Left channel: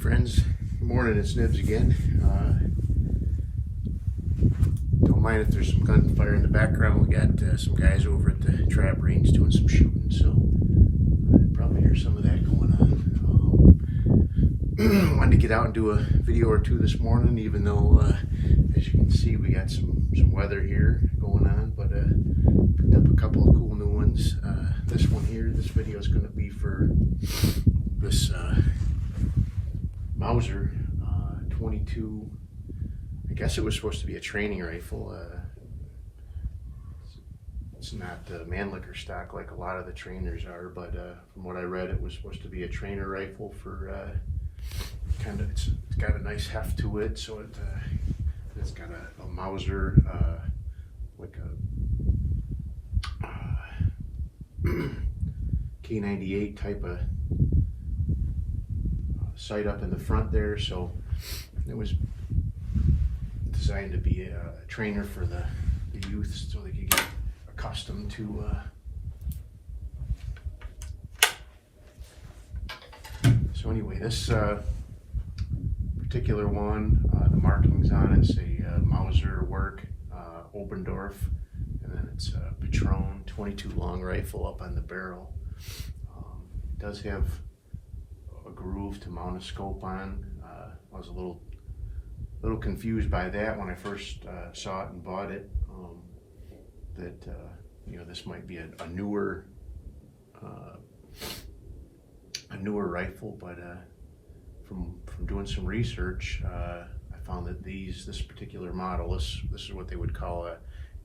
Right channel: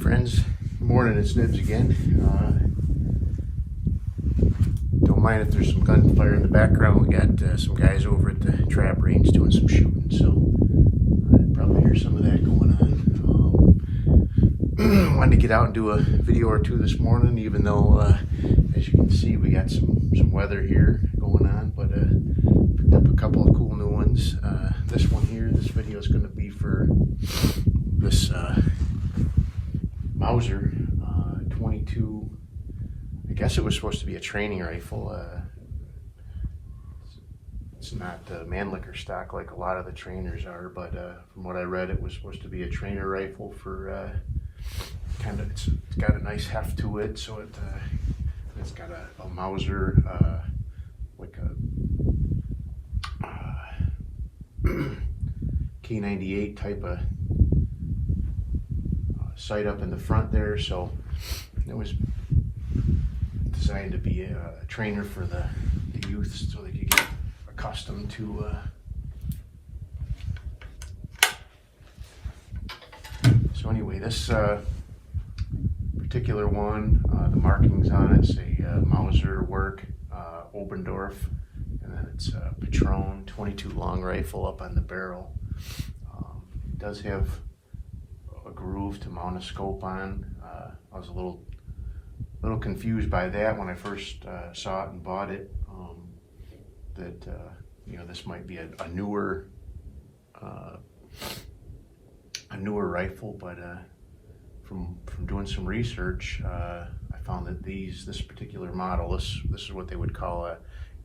friends, good morning, it's Nibs again. Don't mind if there's some gunfire in the background. We got some guys over at the trap range doing some shooting, so probably hear some of that going on. Wanted to get out and do a video or two this morning, even though as you can see we got some weather here going on, but picked up a couple of cool new ones. This one here, this video is going to be for this Mauser 22. I guess it was supposed to be a training rifle. It's not Mannlicher stock like a lot of the trainers are, but from what I read, it was supposed to be a trainer rifle for kind of. It's got a nice heft to it, so it's got a Mauser like a K98 type of sight up in the front there, so it was designed to be a trainer for the youth, so they could get accustomed to so anyway, this particular one, the markings on it say Mauser work, Obendorf, and then it's Patron 22 long rifle up on the barrel. It does have a groove to mount a scope on. I was a little confused by that when I first saw it and bought it. That you know, this might be a newer rifle, but from doing some research, I found that this particular model, this is what they would call a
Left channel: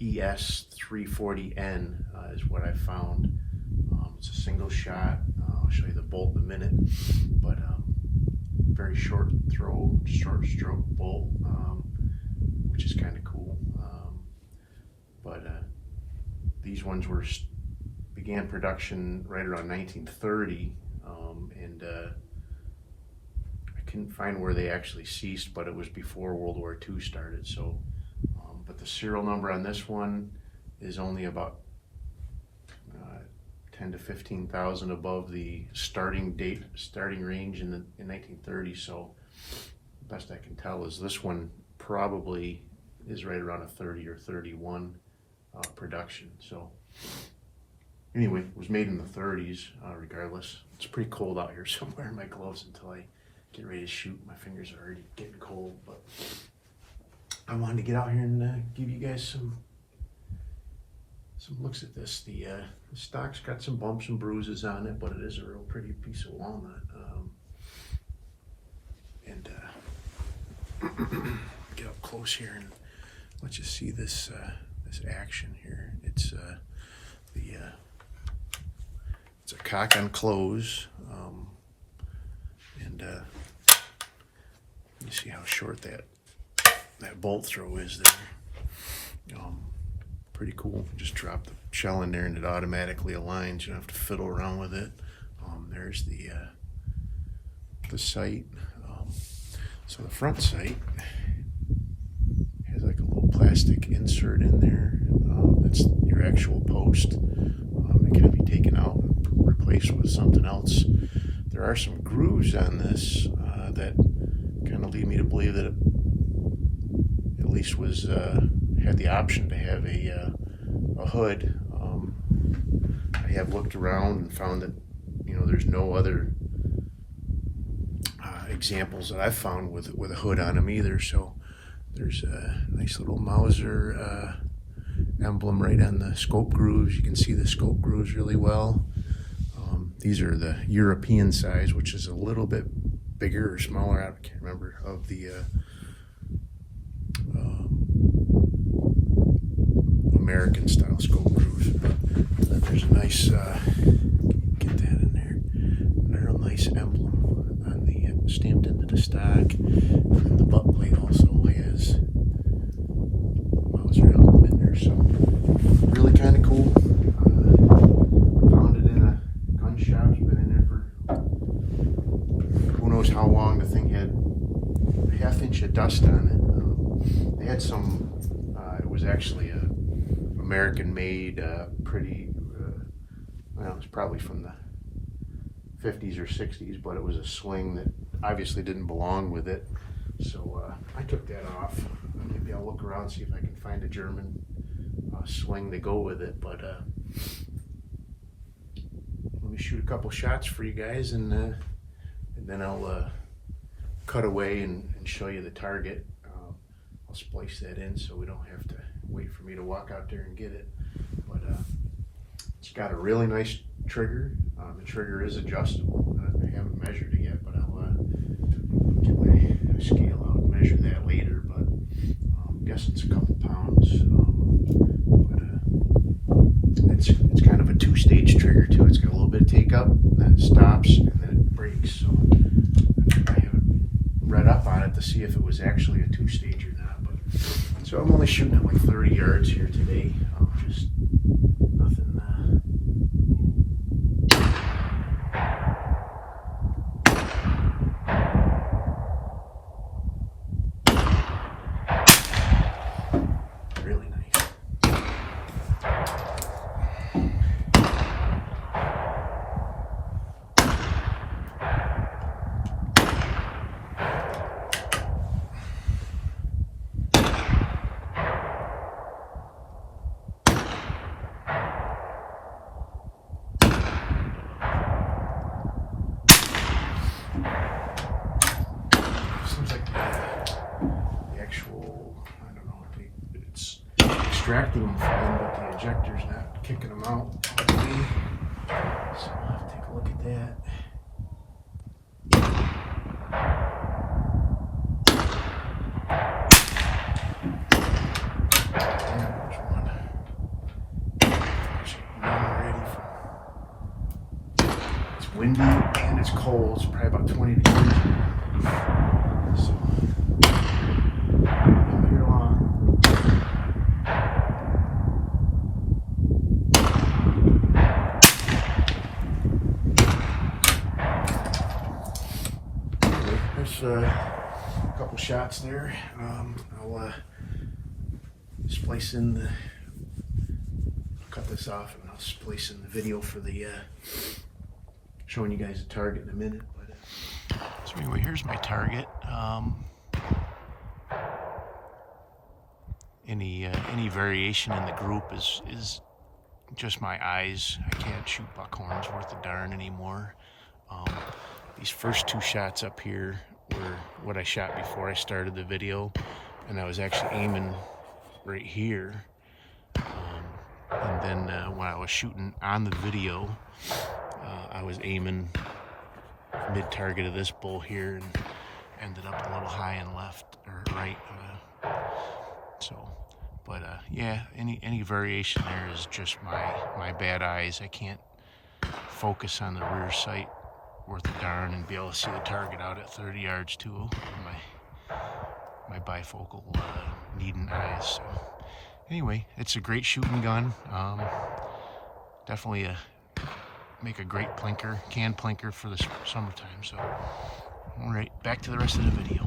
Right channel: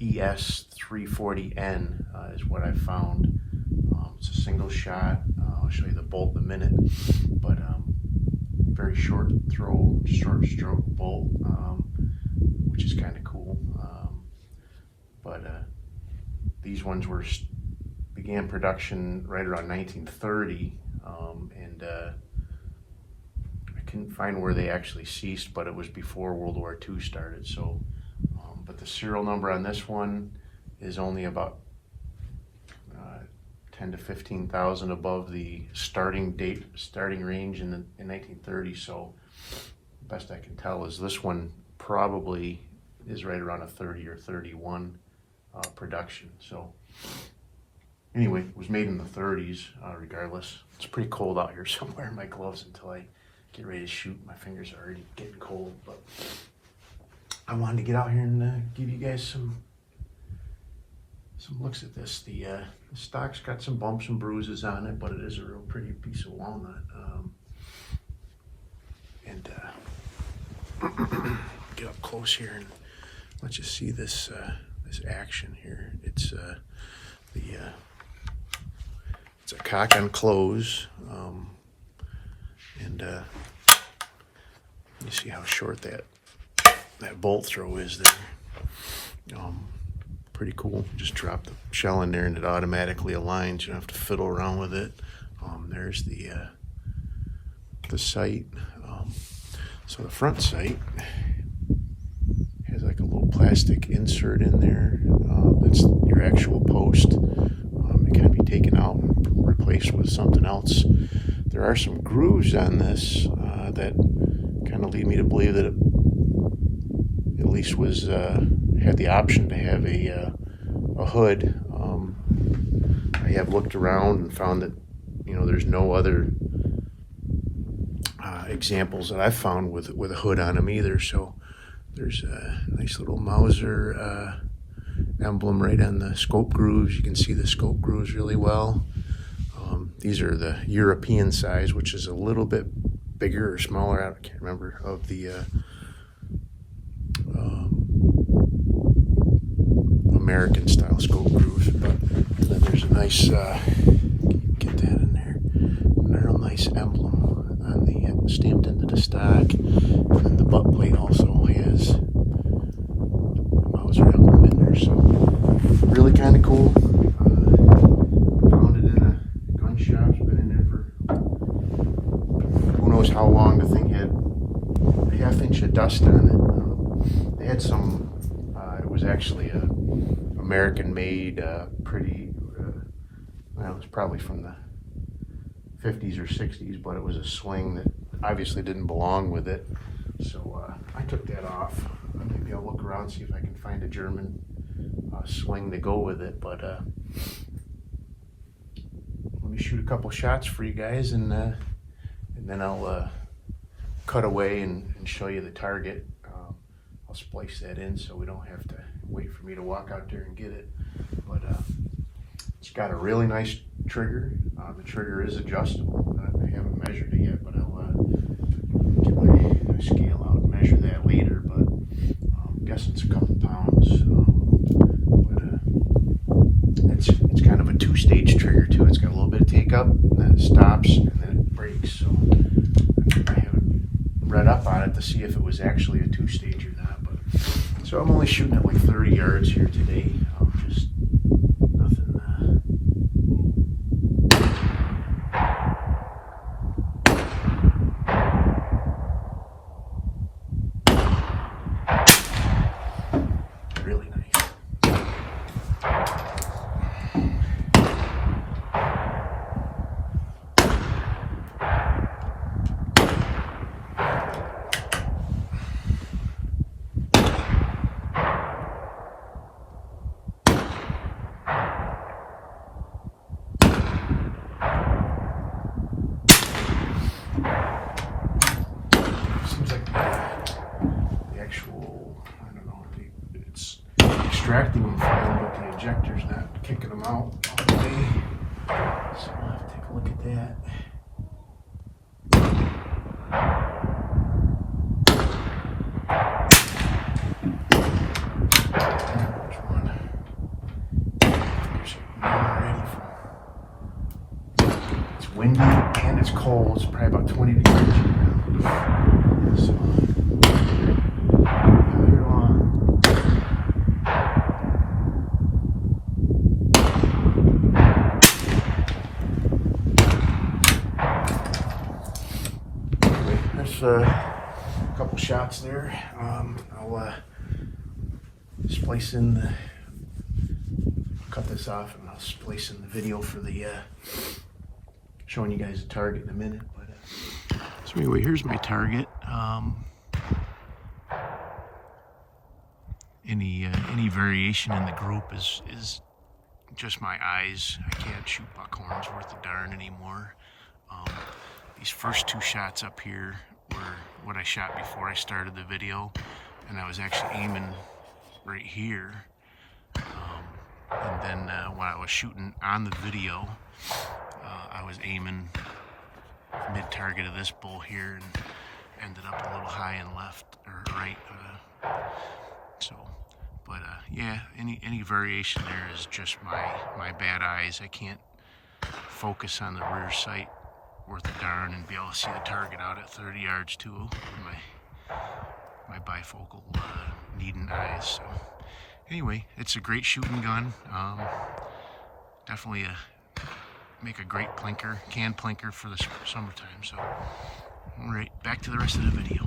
ES340N, is what I found. It's a single shot. I'll show you the bolt in a minute, but very short stroke bolt, which is kind of cool. But these ones began production right around 1930, and I couldn't find where they actually ceased, but it was before World War II started. So, but the serial number on this one is only about 10 to 15,000 above the starting range in 1930. So best I can tell is this one probably is right around a 30 or 31 production. So anyway, it was made in the 30s. Regardless, it's pretty cold out here, so I'm wearing my gloves until I get ready to shoot. My fingers are already getting cold, but I wanted to get out here and give you guys some looks at this. The stock's got some bumps and bruises on it, but it is a real pretty piece of walnut. And get up close here and let you see this action here. It's it's a cock and close, and you see how short that bolt throw is there. Pretty cool. Just drop the shell in there and it automatically aligns. You don't have to fiddle around with it. There's the sight. So the front sight has like a little plastic insert in there. That's your actual post. It can be taken out and replaced with something else. There are some grooves on this that kind of lead me to believe that it at least was had the option to have a hood. I have looked around and found that, you know, there's no other examples that I've found with a hood on them either. So there's a nice little Mauser emblem right on the scope grooves. You can see the scope grooves really well. These are the European size, which is a little bit bigger or smaller, I can't remember, of the American style scope grooves. And then there's a nice get that in there, a real nice emblem on the stamped into the stock. And the butt plate also has a Mauser emblem in there, so really kind of cool. Found it in a gun shop. It's been in there for who knows how long. The thing had a ½ inch of dust on it. They had some. It was actually a American-made, pretty, well, it was probably from the 50s or 60s, but it was a sling that obviously didn't belong with it. So I took that off. Maybe I'll look around, see if I can find a German sling to go with it. But let me shoot a couple shots for you guys, and then I'll cut away and show you the target. I'll splice that in so we don't have to wait for me to walk out there and get it. But it's got a really nice trigger. The trigger is adjustable. I haven't measured it yet, but I'll get my scale out and measure that later. But I'm guessing it's a couple pounds. But it's kind of a two-stage trigger too. It's got a little bit of take up, and then it stops, and then it brakes. So I haven't read up on it to see if it was actually a two-stage or not. But so I'm only shooting at like 30 yards here today. Just nothing. Really nice. Seems like the actual, I don't know, it's extracting them fine, but the ejector's not kicking them out all the way. So I'll have to take a look at that. There's one. There's one already. It's windy and it's cold. It's probably about 20 degrees right now. So here on. Anyway, that's a couple shots there. I'll splice in the. I'll cut this off and I'll splice in the video for the showing you guys the target in a minute. But so anyway, here's my target. Any variation in the group is just my eyes. I can't shoot buckhorns worth a darn anymore. These first two shots up here were what I shot before I started the video, and I was actually aiming right here. And then when I was shooting on the video, I was aiming mid-target of this bull here and ended up a little high and left or right. But yeah, any variation there is just my bad eyes. I can't focus on the rear sight worth a darn and be able to see the target out at 30 yards too. My bifocal needing eyes. So anyway, it's a great shooting gun. Definitely make a great plinker, can plinker for the summertime. So all right, back to the rest of the video.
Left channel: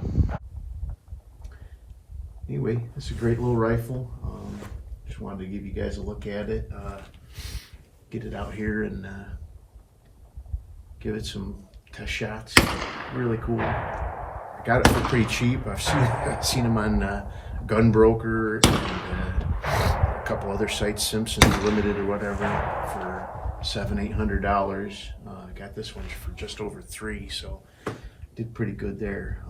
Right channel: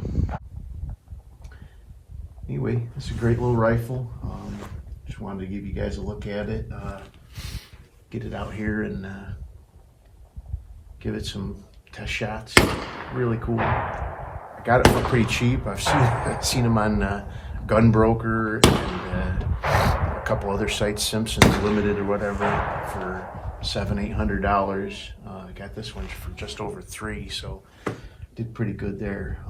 Anyway, it's a great little rifle. Just wanted to give you guys a look at it, get it out here and give it some test shots. Really cool. I got it for pretty cheap. I've seen them on Gunbroker and a couple other sites, Simpsons Limited or whatever, for $700-800. I got this one for just over $3, so did pretty good there.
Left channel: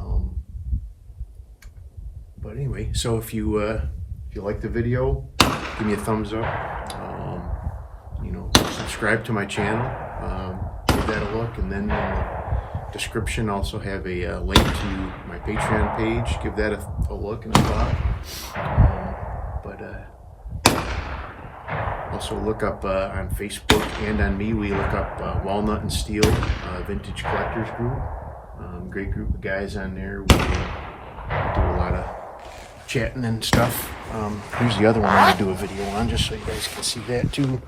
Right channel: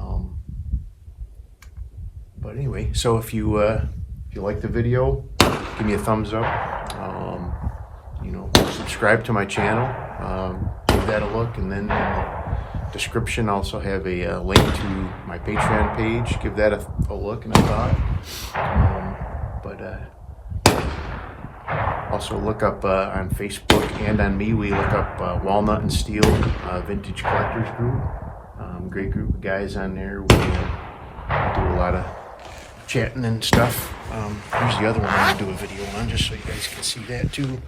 But anyway, so if you like the video, give me a thumbs up. You know, subscribe to my channel. Give that a look, and then in the description also have a link to my Patreon page. Give that a look and a thought. Also look up on Facebook and on me. We look up Walnut and Steel Vintage Collectors Group. Great group of guys on there. We do a lot of chatting and stuff. Here's the other one I'm gonna do a video on, just so you guys can see that too.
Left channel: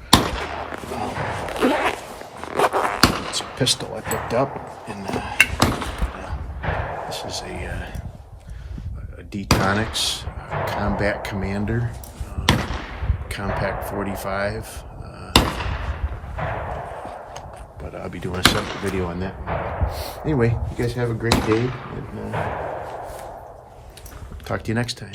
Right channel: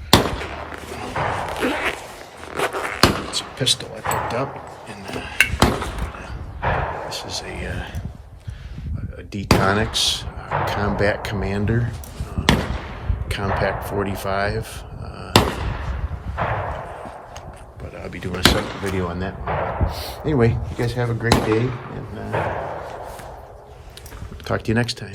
It's a pistol I picked up, and this is a Detonics Combat Commander Compact 45. But I'll be doing a separate video on that one. anyway, you guys have a great day, and talk to you next time.